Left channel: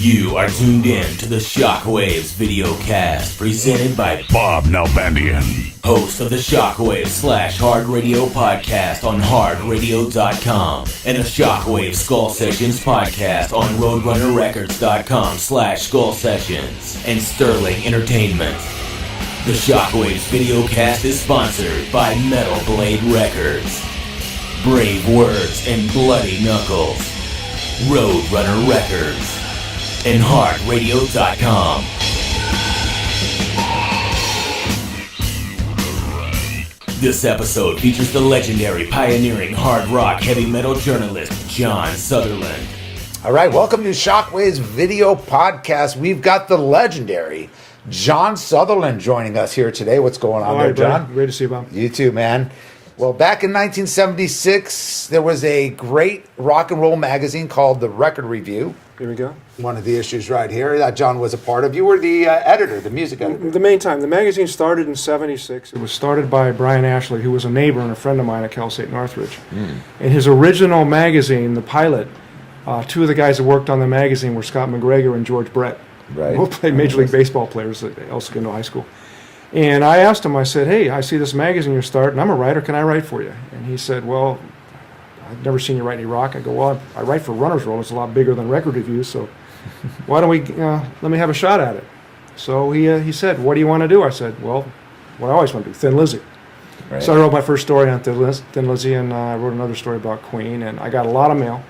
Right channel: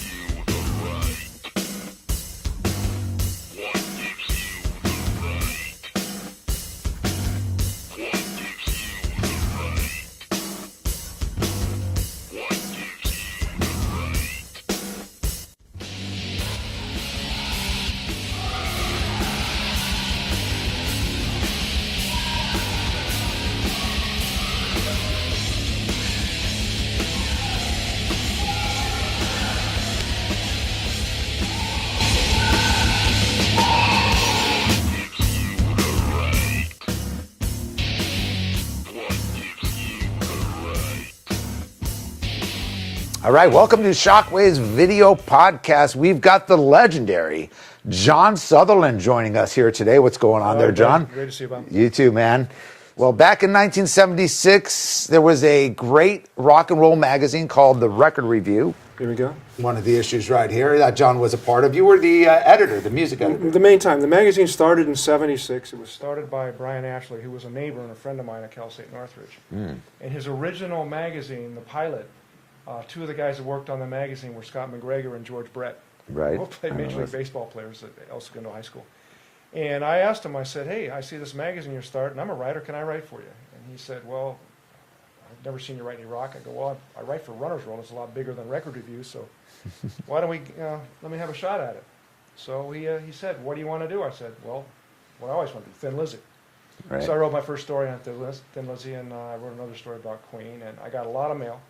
You are tuned in to the Shockwaves Videocast, presented by Bob Nalbandian, host of the Shockwaves / Hard Radio podcast on hardradio.com, and the Shockwaves Skull Sessions podcast on roadrunnerrecords.com / Skull Sessions, and Sterling Entertainment. The Shockwaves Videocast is sponsored by Metal Blade Records, Brave Words and Bloody Knuckles, Roadrunner Records, and hardradio.com. This episode features the legendary, pioneering hard rock heavy metal journalist, JON SUTHERLAND. All right, welcome to Shockwaves Video Podcast. We've got the legendary JON SUTHERLAND joining us here today. What's going on there, John? Great to see you, Bob. You too, man. Well, back in 1976, there was a great rock and roll magazine called The Record Review. Here we go. One of the issues right here that John was a part of. You were the editor, the music editor. The main time. The magazine started in 76. It was started by Brian Ashley, who was a neighbor and a friend of mine at Cal State Northridge. And his original magazine, the pilot, two of the guys that worked on the magazine were Scott McGregor and George Brett. Right. Both played Major League Baseball players at El Segundo High School. And I asked him, I said, hey, I see this magazine you're starting. I'm a writer. Can I write for you? And he said, well, I've never seen you write any rock. I go, well, I write for Runner's World. It's a lot bigger than Record Review, so why don't we let me have a shot at it? So he said, what do you want to do? I said, well, what I always want to do, Thin Lizzy. Right. So I wrote my first story on Thin Lizzy, and I wrote another story about Queen, and I got a lot of mail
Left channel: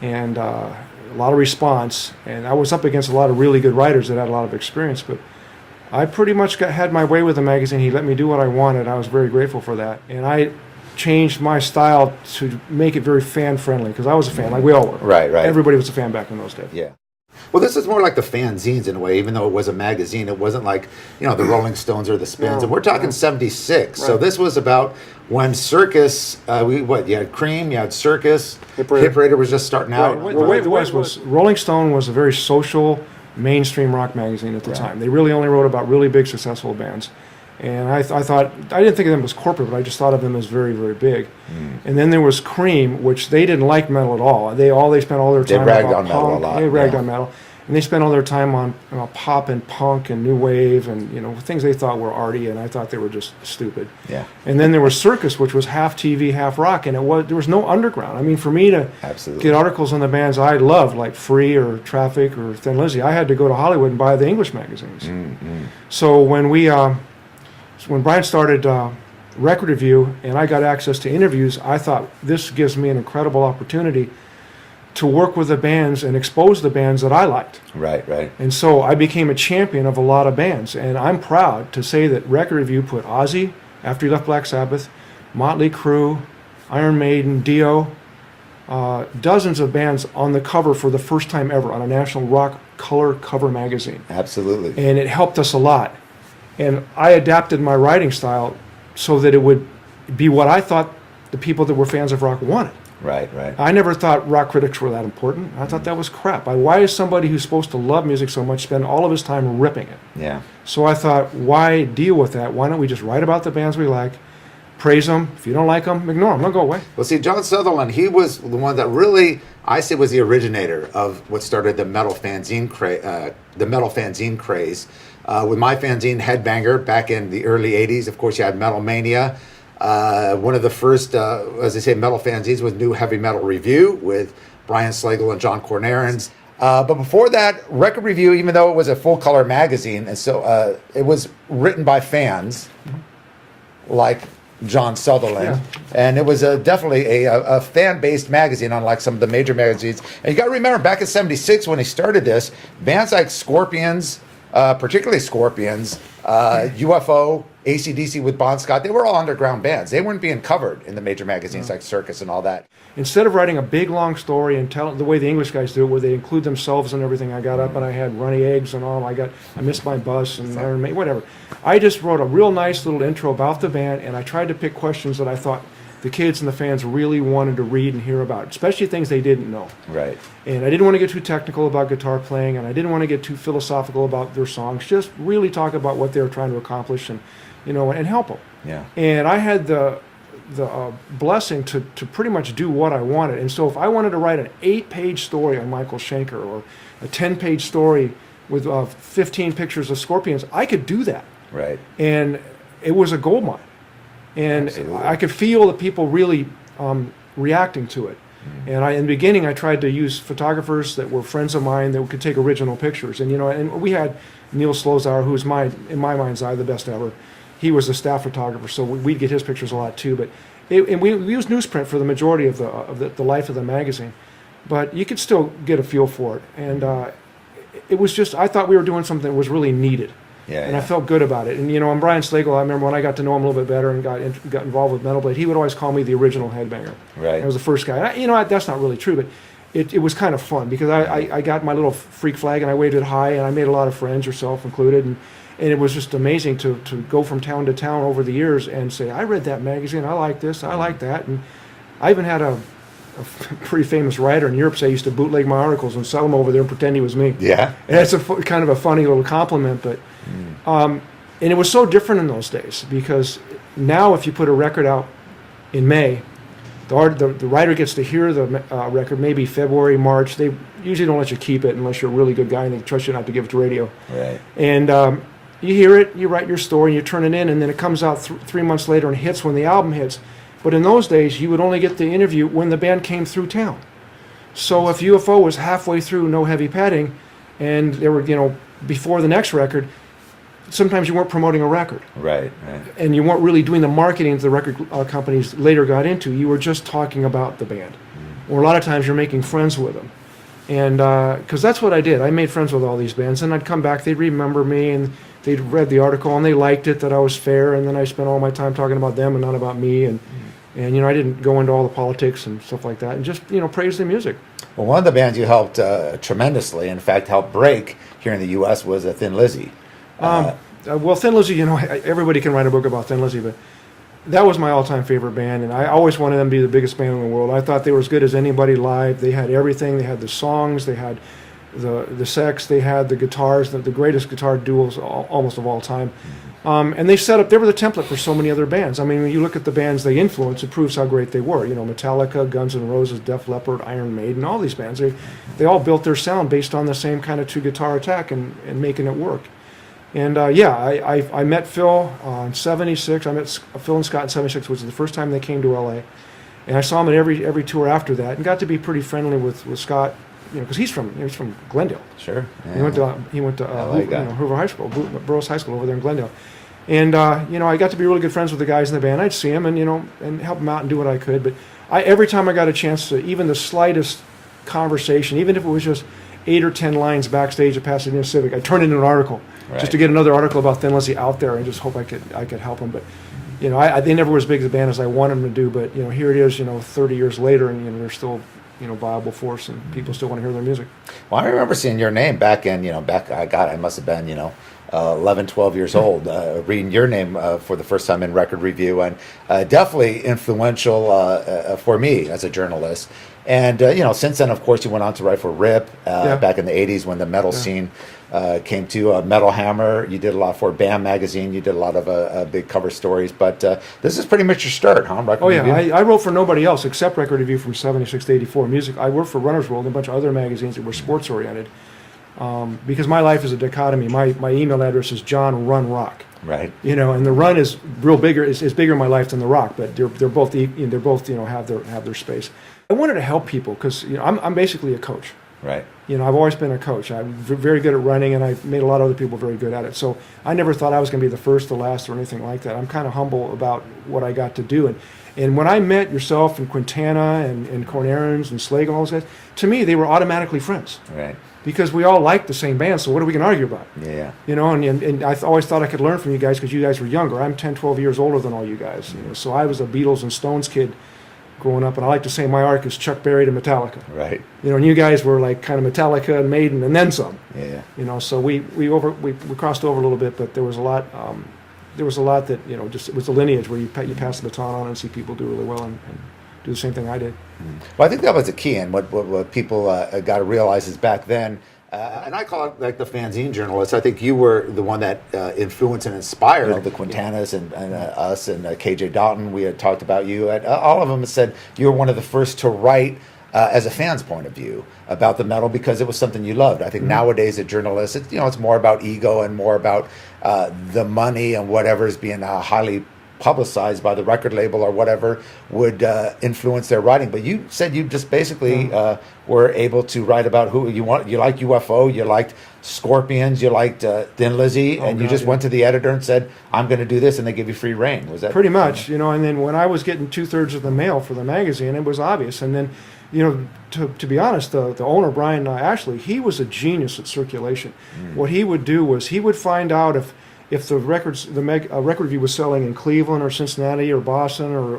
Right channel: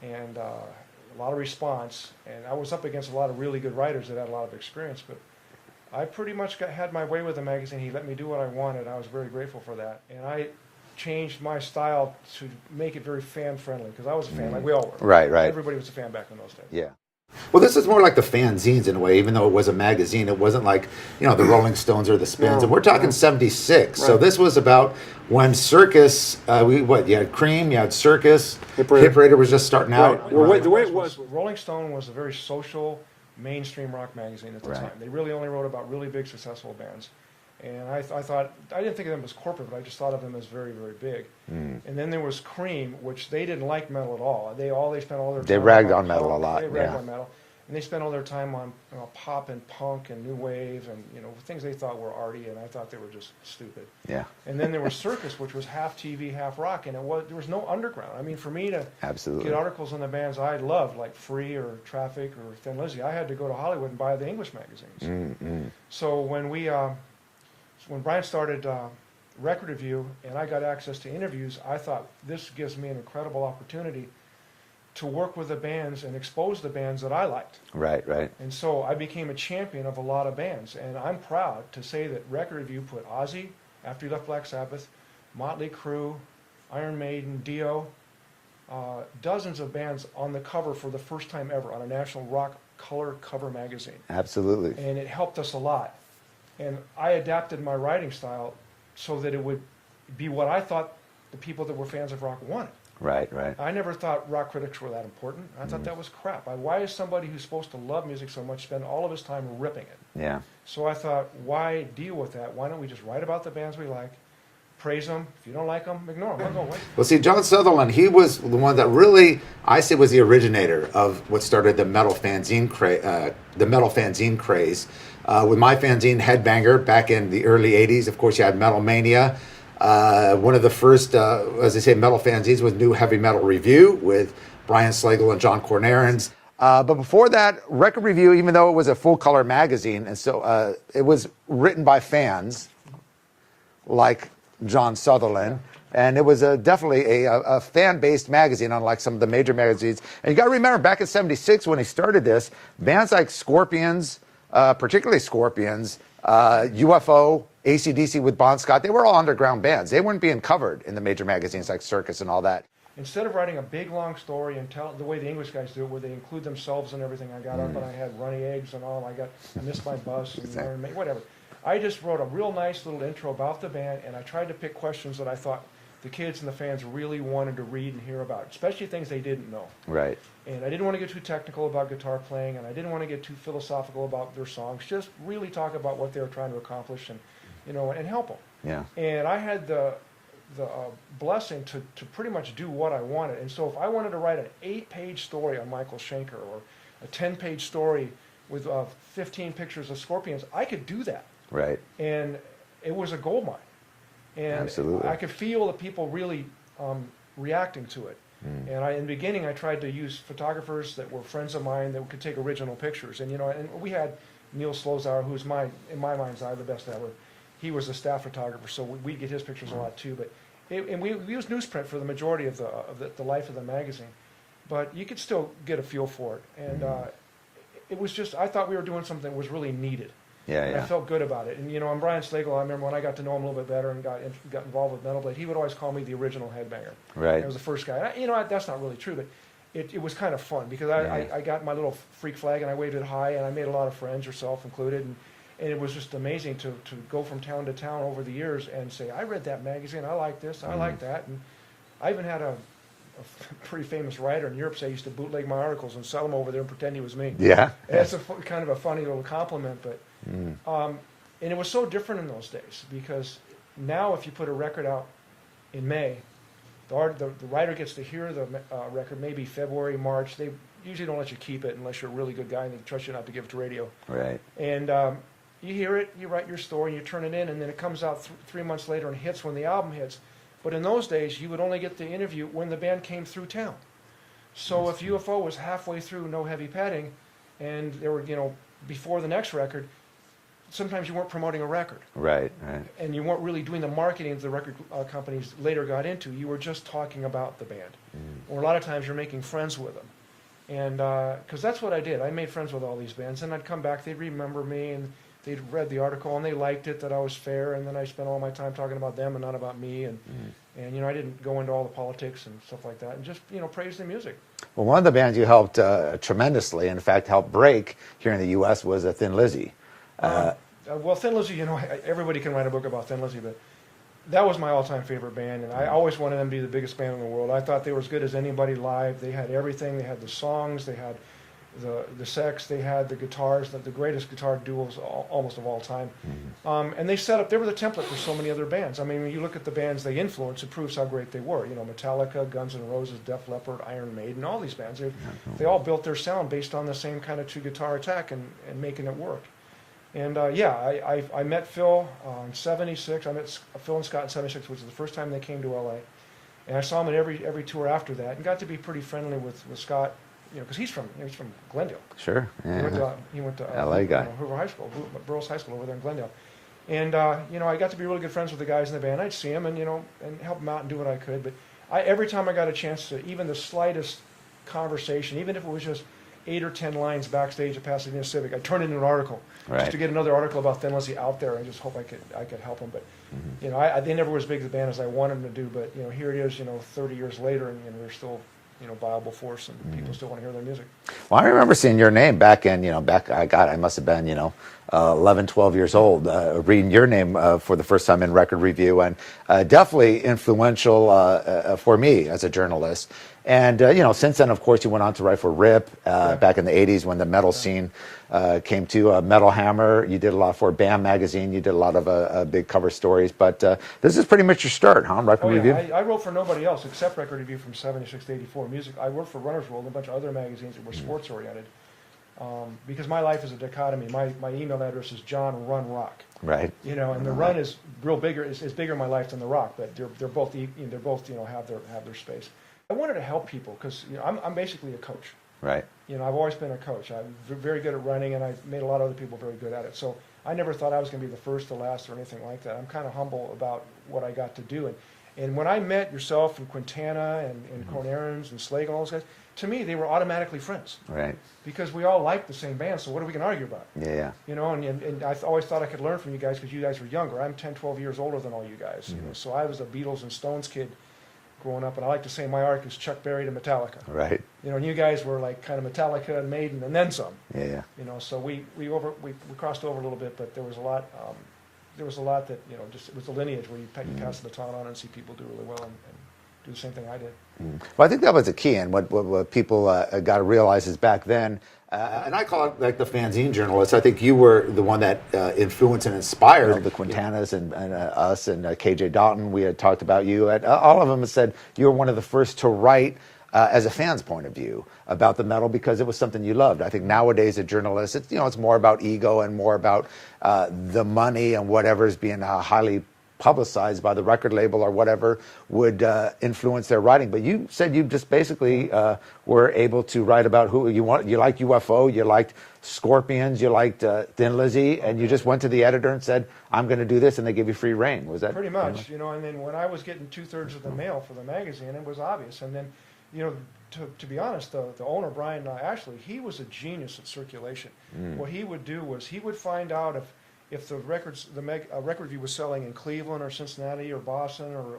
and a lot of response, and I was up against a lot of really good writers that had a lot of experience, but I pretty much had my way with the magazine. He let me do what I wanted. I was very grateful for that, and I changed my style to make it very fan-friendly, because I was a fan, like we all were. Right. Everybody was a fan back in those days. Yeah. Well, this is more like the fanzines in a way, even though it was a magazine. It wasn't like, the Rolling Stones or the Spins. No, and we're talking 76. Right. So this was about when Circus, you had Cream, you had Circus, Hip Parade. Parade was just starting out. Right. Well, the way it was, Rolling Stone was a very social, mainstream rock magazine at the time. They really only wrote about really big, successful bands. And I thought, I didn't think of them as corporate, but I just thought of them as very, very big. And then there was Cream, which they didn't like metal at all. They spent all their time ragged on on metal a lot. They ragged on metal. And they spent all their time on pop and punk and new wave and things they thought were arty, and I thought they were just stupid. Yeah. And then there was Circus, which was half TV, half rock, and there was no underground. I mean, for me to get articles on the bands I loved, like Free or Traffic or Thin Lizzy, I had to go to Hollywood and buy the English magazines. So when Brian started Record Review and I got access to interviews, I thought this gives me an incredible opportunity to work with the bands and expose the bands that I liked. Right. And so I became a champion of a lot of bands, and I'm proud to say that Record Review put Ozzy, after he left Black Sabbath, Motley Crue, Iron Maiden, Dio, dozens of bands on the cover for the first time ever on a national rock color cover magazine. Absolutely. And it helped us a lot. And I adapted my writing style so that it would be what I thought the people that were fans of rock wanted. Right. I never thought rock critics were that important. I thought that was crap. Why is somebody who's supposed to love music so much spend all of his time ripping it? Yeah. So I thought, why deal with that? Why don't we just write about the bands we like, praise them. If you don't like them, ignore them. They'll go away. Well, see, JON SUTHERLAND, he was the one that really, I say, was the originator of what started the metal fanzine craze. With my fanzine, Headbanger, back in the early 80s. Of course, you had Metal Mania. One of the first, as I say, metal fanzines was New Heavy Metal Review with Brian Slagle and John Cornarens. But before that, Record Review, even though it was a full-color magazine, and so it was written by fans like JON SUTHERLAND, and it was definitely a fan-based magazine, unlike some of the major magazines. And you got to remember, back in '76 when he started this, bands like Scorpions, particularly Scorpions, UFO, AC/DC with Bon Scott, they were all underground bands. They weren't being covered in the major magazines like Circus and all that. Instead of writing a big, long story and tell it the way the English guys do it, where they include themselves and everything, I got up and I had runny eggs and all. I missed my bus and Iron Maiden, whatever. I just wrote a real nice little intro about the band, and I tried to pick questions that I thought the kids and the fans really wanted to read and hear about, especially things they didn't know. Right. And I didn't want to get too technical about guitar playing, and I didn't want to get too philosophical about their songs. Just really talk about what they were trying to accomplish and help them. Yeah. And I had blessing to pretty much do what I wanted. And so if I wanted to write an 8-page story on Michael Schenker or a 10-page story with 15 pictures of scorpions, I could do that. Right. And it was a gold mine. And Absolutely. I could feel the people really reacting to it. And in the beginning, I tried to use photographers that were friends of mine that could take original pictures. And, and we had Neil Slozauer, who's in my mind's eye, the best ever. He was a staff photographer, so we'd get his pictures a lot too. But and we used newsprint for the majority of the life of the magazine. But you could still get a feel for it. And it was just, I thought we were doing something that was really needed. Yeah, and I felt good about it. And, and Brian Slagle, I remember when I got to know him a little bit better and got involved with Metal Blade, he would always call me the original headbanger. Right. I was the first guy. And that's not really true, but it was kind of fun because I got my little freak flag and I waved it high and I made a lot of friends, yourself included. And it was just amazing to go from town to town over the years and say, I read that magazine, I like this, I like that. And I even had a pretty famous writer in Europe say I used to bootleg my articles and sell them over there and pretend he was me. Yeah. And it's kind of a funny little compliment, but and it was so different in those days because now if you put a record out in May, the writer gets to hear the record maybe February, March. They usually don't let you keep it unless you're a really good guy and they trust you not to give it to radio. Right. And you hear it, you write your story, and you turn it in, and then it comes out 3 months later and hits when the album hits. But in those days, you would only get the interview when the band came through town. So if UFO was halfway through No Heavy Padding, and they were, before the next record, sometimes you weren't promoting a record. Right. And you weren't really doing the marketing that the record companies later got into. You were just talking about the band. Or a lot of times you're making friends with them. And because that's what I did. I made friends with all these bands. And I'd come back, they'd remember me, and they'd read the article, and they liked it, that I was fair. And then I spent all my time talking about them and not about me. And I didn't go into all the politics and stuff like that. And just, praise the music. Well, one of the bands you helped tremendously, in fact, helped break here in the U.S. was Thin Lizzy. Well, Thin Lizzy, everybody can write a book about Thin Lizzy, but that was my all-time favorite band, and I always wanted them to be the biggest band in the world. I thought they were as good as anybody live. They had everything. They had the songs. They had the sex. They had the guitars, the greatest guitar duos almost of all time. And they were the template for so many other bands. I mean, when you look at the bands they influenced, it proves how great they were. Metallica, Guns N' Roses, Def Leppard, Iron Maiden, all these bands. They all built their sound based on the same kind of two-guitar attack and making it work. And I met Phil in '76. I met Phil and Scott in '76, which was the first time they came to LA. And I saw him at every tour after that, and got to be pretty friendly with Scott, because he's from Glendale. Sure. Yeah. He went to LA Hoover High School, Burroughs High School over there in Glendale. And I got to be really good friends with the guys in the band. I'd see them and help them out and do what I could. But every time I got a chance to, even the slightest conversation, even if it was just 8 or 10 lines backstage at Pasadena Civic, I turned it into an article. Right. Just to get another article about Thin Lizzy out there, and just hope I could help them. But they never were as big as a band as I wanted them to do. But here it is, 30 years later, and they're still viable force, and people still want to hear their music. Well, I remember seeing your name back in I must have been 11, 12 years old, reading your name for the first time in Record Review, and definitely influential for me as a journalist. And since then, of course, you went on to write for Rip back in the '80s when the metal scene came to. Metal Hammer, you did a lot for BAM magazine. You did a lot of big cover stories. But this is pretty much your start, huh? Record Review? I wrote for nobody else except Record Review from '76 to '84. Music. I worked for Runner's World and a bunch of other magazines that were sports oriented. Because my life is a dichotomy. My email address is John Run Rock. Right. And the Run is bigger in my life than the Rock, but they're both have their space. I wanted to help people because I'm basically a coach. Right. I've always been a coach. I'm very good at running, and I've made a lot of other people very good at it. So I never thought I was going to be the first, the last, or anything like that. I'm kind of humble about what I got to do. And when I met yourself and Quintana and Cornarins and Slagle and all those guys, to me they were automatically friends. Right. Because we all liked the same band, so what are we going to argue about? Yeah. And I always thought I could learn from you guys because you guys were younger. I'm 10, 12 years older than all you guys. So I was a Beatles and Stones kid growing up, and I like to say my arc is Chuck Berry to Metallica. Right. And you guys were like kind of Metallica and Maiden and then some. Yeah. So we crossed over a little bit, but there was a lot. There was a lot that just it was the lineage where you pass the baton on and see people do really well and do do the same thing I did. Well, I think that was the key, and what people got to realize is back then And I call it like the fanzine journalist. I think you were the one that influenced and inspired the Quintanas and us and KJ Dalton. We had talked about you. All of them have said you were one of the first to write as a fan's point of view about the metal because it was something you loved. I think nowadays a journalist, it's more about ego and more about the money and whatever is being highly publicized by the record label or whatever would influence their writing. But you said you just basically were able to write about who you want. You liked UFO, you liked Scorpions, you liked Thin Lizzy, and you just went to the editor and said, I'm going to do this, and they give you free reign. Was that pretty much? And then when I was getting 2/3 of the mail for the magazine, it was obvious. And then, to be honest, the owner, Brian Ashley, he was a genius at circulation. What he would do was he would find out if the record review was selling in Cleveland or Cincinnati or Boston or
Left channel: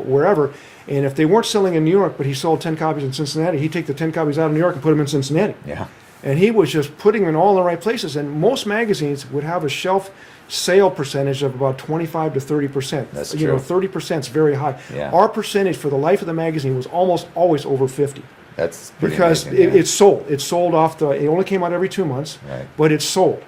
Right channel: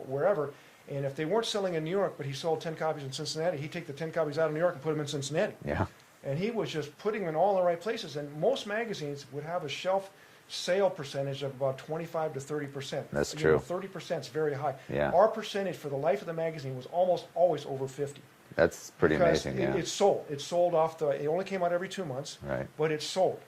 wherever, and if they weren't selling in New York, but he sold 10 copies in Cincinnati, he'd take the 10 copies out of New York and put them in Cincinnati. Yeah. And he was just putting them in all the right places. And most magazines would have a shelf sale percentage of about 25 to 30%. That's true. 30% is very high. Yeah. Our percentage for the life of the magazine was almost always over 50. That's pretty because amazing, it sold. It sold off it only came out every 2 months, Right. but it sold.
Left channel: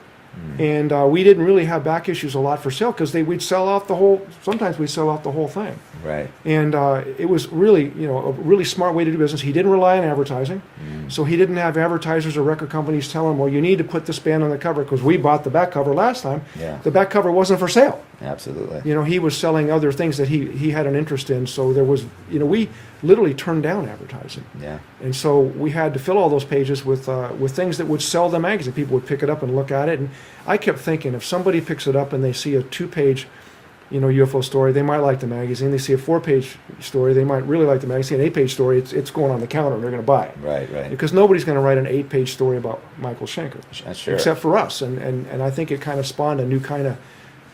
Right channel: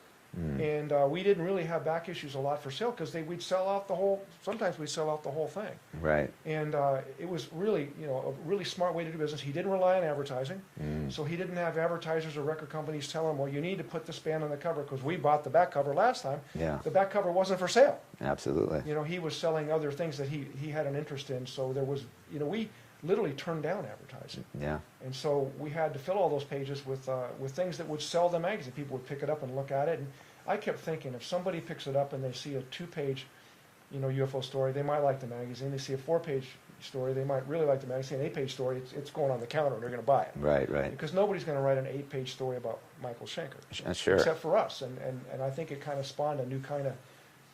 And we didn't really have back issues a lot for sale because we'd sell out the whole. Sometimes we'd sell out the whole thing. Right. And it was really, a really smart way to do business. He didn't rely on advertising, so he didn't have advertisers or record companies tell him, "Well, you need to put this band on the cover," because we bought the back cover last time. Yeah. The back cover wasn't for sale. Absolutely. He was selling other things that he had an interest in. So there was, we literally turned down advertising. Yeah. And so we had to fill all those pages with things that would sell the magazine. People would pick it up and look at it. And I kept thinking, if somebody picks it up and they see a 2-page, UFO story, they might like the magazine. They see a 4-page story, they might really like the magazine. An 8-page story, it's going on the counter and they're going to buy it. Right. Because nobody's going to write an 8-page story about Michael Schenker. Sure. Except for us. And I think it kind of spawned a new kind of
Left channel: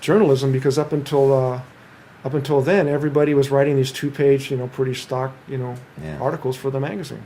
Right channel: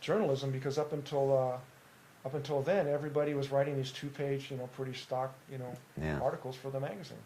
journalism because up until then, everybody was writing these 2-page, pretty stock, articles for the magazine.